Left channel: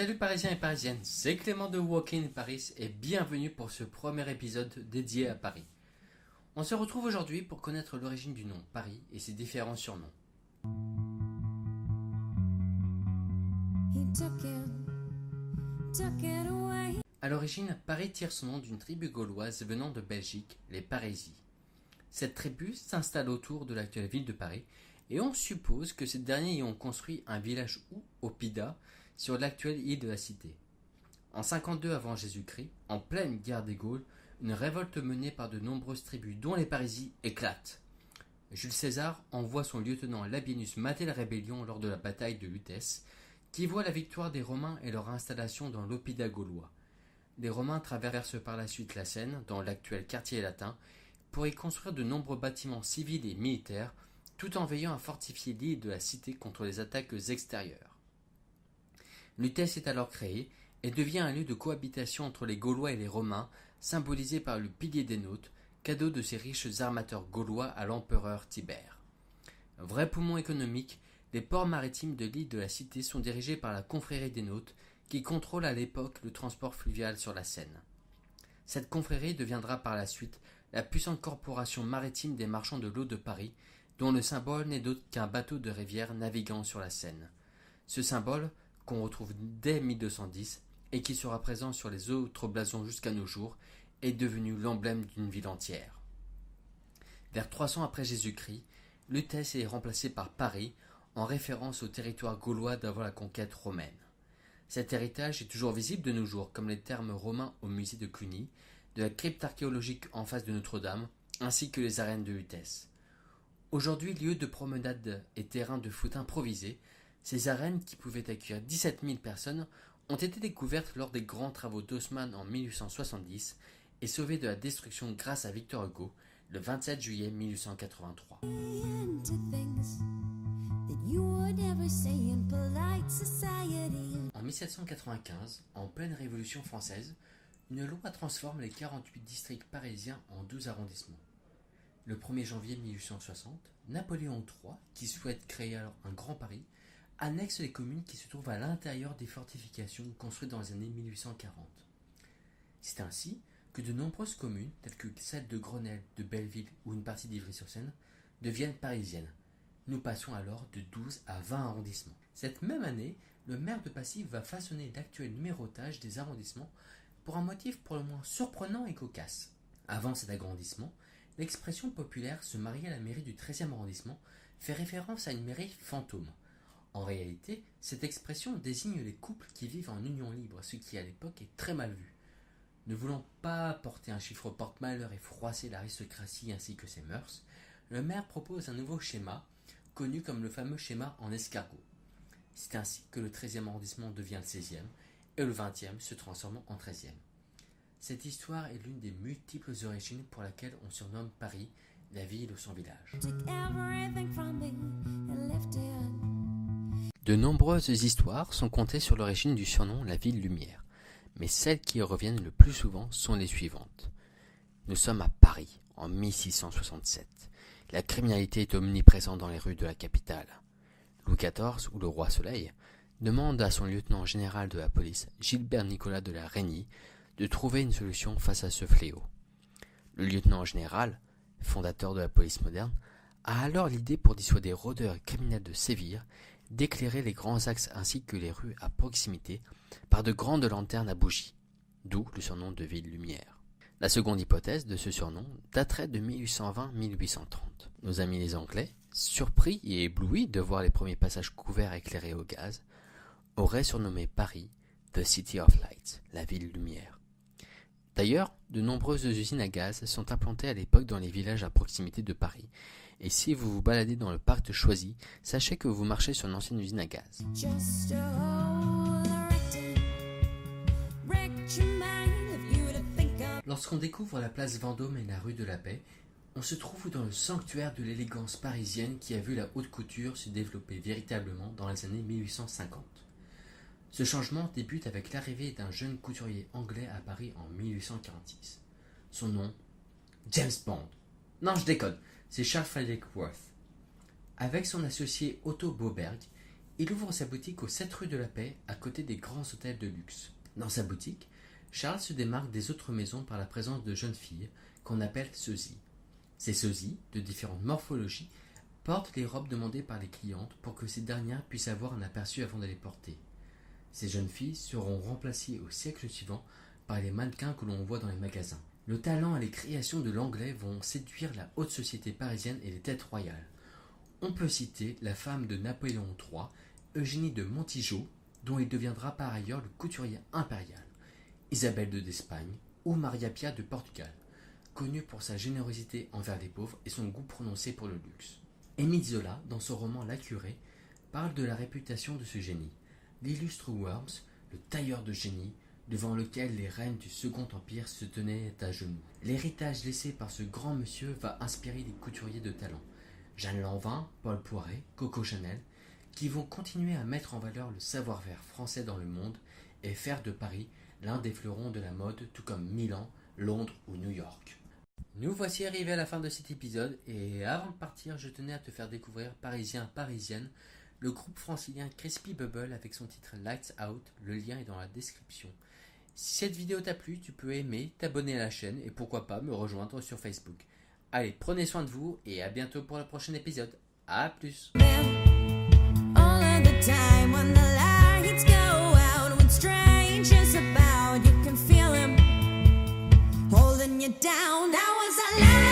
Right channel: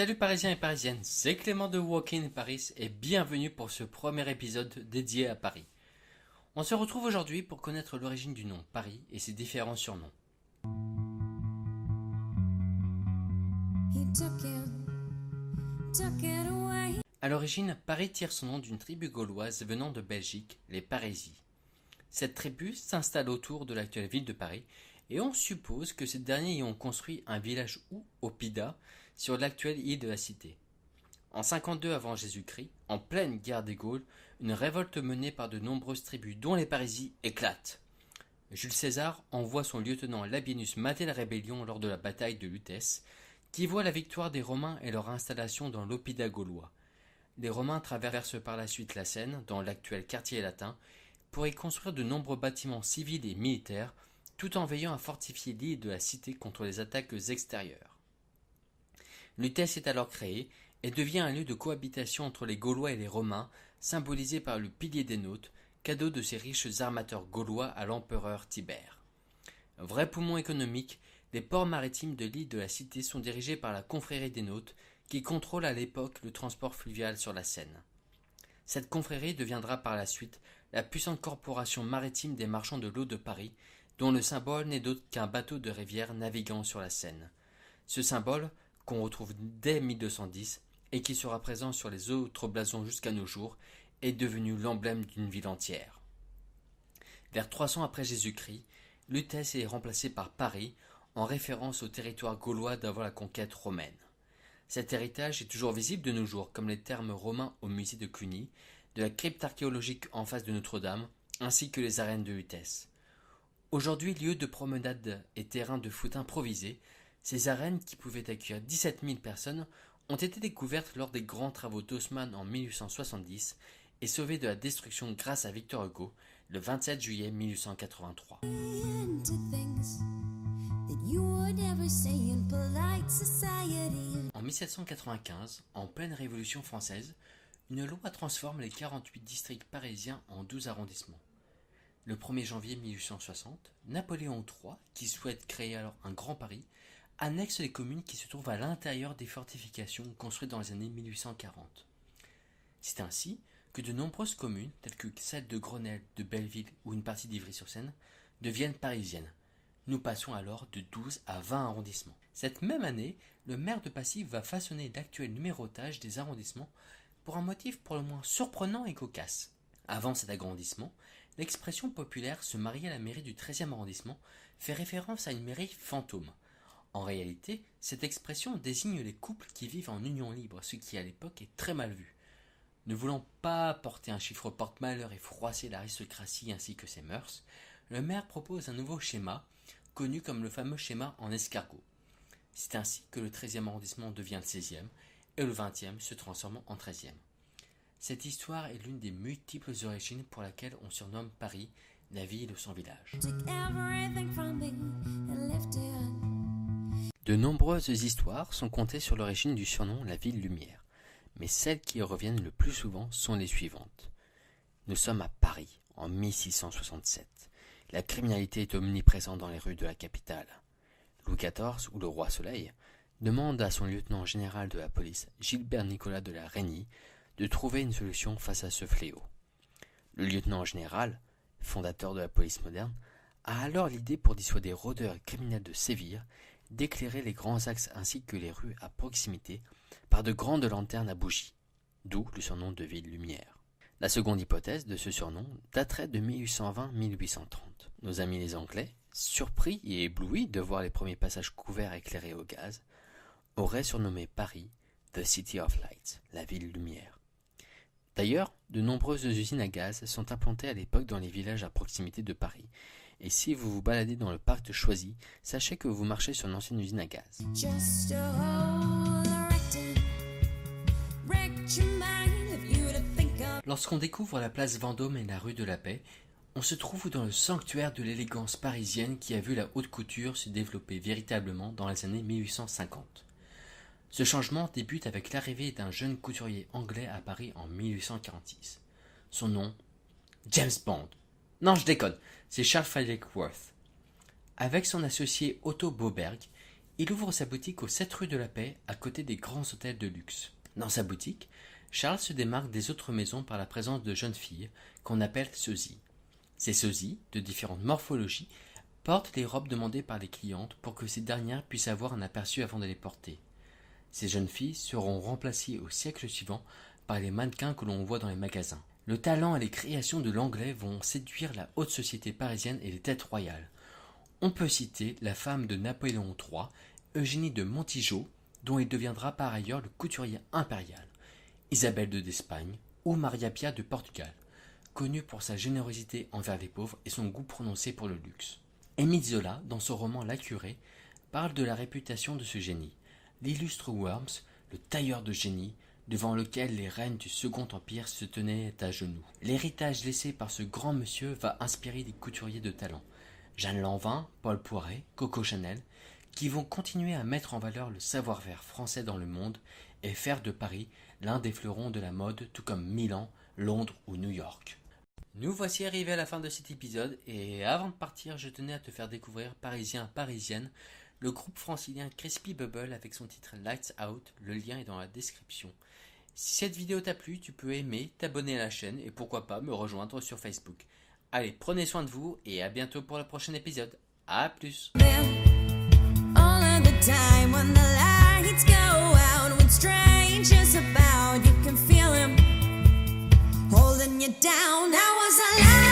Salut Parisiens et Parisiennes, c'est Clément de Walk in Paris et bienvenue pour ce premier épisode dédié à Paris. On se retrouve aujourd'hui pour connaître l'origine du nom Paris et ses différents surnoms. À l'origine, Paris tire son nom d'une tribu gauloise venant de Belgique, les Parésies. Cette tribu s'installe autour de l'actuelle ville de Paris et on suppose que ces derniers y ont construit un village ou Oppida sur l'actuelle île de la Cité. En 52 avant Jésus-Christ, en pleine guerre des Gaules, une révolte menée par de nombreuses tribus dont les Parésies éclate. Jules César envoie son lieutenant Labienus mater la rébellion lors de la bataille de Lutèce, qui voit la victoire des Romains et leur installation dans l'Oppida gaulois. Les Romains traversent par la suite la Seine, dans l'actuel quartier latin, pour y construire de nombreux bâtiments civils et militaires, tout en veillant à fortifier l'île de la Cité contre les attaques extérieures. Lutèce est alors créée et devient un lieu de cohabitation entre les Gaulois et les Romains, symbolisé par le pilier des Nautes, cadeau de ces riches armateurs gaulois à l'empereur Tibère. Vrai poumon économique, les ports maritimes de l'île de la Cité sont dirigés par la confrérie des Nautes, qui contrôle à l'époque le transport fluvial sur la Seine. Cette confrérie deviendra par la suite la puissante corporation maritime des marchands de l'eau de Paris, dont le symbole n'est d'autre qu'un bateau de rivière naviguant sur la Seine. Ce symbole, qu'on retrouve dès 1210 et qui sera présent sur les autres blasons jusqu'à nos jours, est devenu l'emblème d'une ville entière. Vers 300 après Jésus-Christ, Lutèce est remplacée par Paris, en référence au territoire gaulois d'avant la conquête romaine. Cet héritage est toujours visible de nos jours, comme les termes romains au musée de Cluny, de la crypte archéologique en face de Notre-Dame, ainsi que les arènes de Lutèce. Aujourd'hui, lieu de promenade et terrain de foot improvisés, ces arènes, qui pouvaient accueillir 17 000 personnes, ont été découvertes lors des grands travaux d'Haussmann en 1870 et sauvées de la destruction grâce à Victor Hugo le 27 juillet 1883. En 1795, en pleine Révolution française, une loi transforme les 48 districts parisiens en 12 arrondissements. Le 1er janvier 1860, Napoléon III, qui souhaite créer alors un Grand Paris, annexe les communes qui se trouvent à l'intérieur des fortifications construites dans les années 1840. C'est ainsi que de nombreuses communes, telles que celles de Grenelle, de Belleville ou une partie d'Ivry-sur-Seine, deviennent parisiennes. Nous passons alors de 12 à 20 arrondissements. Cette même année, le maire de Passy va façonner l'actuel numérotage des arrondissements pour un motif pour le moins surprenant et cocasse. Avant cet agrandissement, l'expression populaire se marier à la mairie du 13e arrondissement fait référence à une mairie fantôme. En réalité, cette expression désigne les couples qui vivent en union libre, ce qui à l'époque est très mal vu. Ne voulant pas porter un chiffre porte-malheur et froisser l'aristocratie ainsi que ses mœurs, le maire propose un nouveau schéma, connu comme le fameux schéma en escargot. C'est ainsi que le 13e arrondissement devient le 16e et le 20e se transforme en 13e. Cette histoire est l'une des multiples origines pour laquelle on surnomme Paris la ville sans village. De nombreuses histoires sont contées sur l'origine du surnom la ville lumière, mais celles qui reviennent le plus souvent sont les suivantes. Nous sommes à Paris, en 1667. La criminalité est omniprésente dans les rues de la capitale. Louis XIV, ou le roi Soleil, demande à son lieutenant général de la police, Gilbert Nicolas de la Reynie, de trouver une solution face à ce fléau. Le lieutenant général, fondateur de la police moderne, a alors l'idée pour dissuader rôdeurs et criminels de sévir d'éclairer les grands axes ainsi que les rues à proximité par de grandes lanternes à bougies, d'où le surnom de ville lumière. La seconde hypothèse de ce surnom daterait de 1820-1830. Nos amis les Anglais, surpris et éblouis de voir les premiers passages couverts éclairés au gaz, auraient surnommé Paris The City of Light, la ville lumière. D'ailleurs, de nombreuses usines à gaz sont implantées à l'époque dans les villages à proximité de Paris. Et si vous vous baladez dans le parc de Choisy, sachez que vous marchez sur une ancienne usine à gaz. Lorsqu'on découvre la place Vendôme et la rue de la Paix, on se trouve dans le sanctuaire de l'élégance parisienne qui a vu la haute couture se développer véritablement dans les années 1850. Ce changement débute avec l'arrivée d'un jeune couturier anglais à Paris en 1846. Son nom, James Bond. Non, je déconne, c'est Charles Frederick Worth. Avec son associé Otto Boberg, Il ouvre sa boutique aux 7 rue de la Paix, à côté des grands hôtels de luxe. Dans sa boutique, Charles se démarque des autres maisons par la présence de jeunes filles, qu'on appelle sosies. Ces sosies, de différentes morphologies, portent les robes demandées par les clientes pour que ces dernières puissent avoir un aperçu avant de les porter. Ces jeunes filles seront remplacées au siècle suivant par les mannequins que l'on voit dans les magasins. Le talent et les créations de l'anglais vont séduire la haute société parisienne et les têtes royales. On peut citer la femme de Napoléon III, Eugénie de Montijo, dont il deviendra par ailleurs le couturier impérial, Isabelle d'Espagne ou Maria Pia de Portugal, connue pour sa générosité envers les pauvres et son goût prononcé pour le luxe. Émile Zola, dans son roman La Curée, parle de la réputation de ce génie, l'illustre Worms, le tailleur de génie, devant lequel les reines du Second Empire se tenaient à genoux. L'héritage laissé par ce grand monsieur va inspirer des couturiers de talent, Jeanne Lanvin, Paul Poiret, Coco Chanel, qui vont continuer à mettre en valeur le savoir-faire français dans le monde et faire de Paris l'un des fleurons de la mode, tout comme Milan, Londres ou New York. Nous voici arrivés à la fin de cet épisode et avant de partir, je tenais à te faire découvrir Parisien Parisienne, le groupe francilien Crispy Bubble avec son titre Lights Out, le lien est dans la description. Si cette vidéo t'a plu, tu peux aimer, t'abonner à la chaîne et pourquoi pas me rejoindre sur Facebook. Allez, prenez soin de vous et à bientôt pour le prochain épisode. À plus. Down, that was a lie.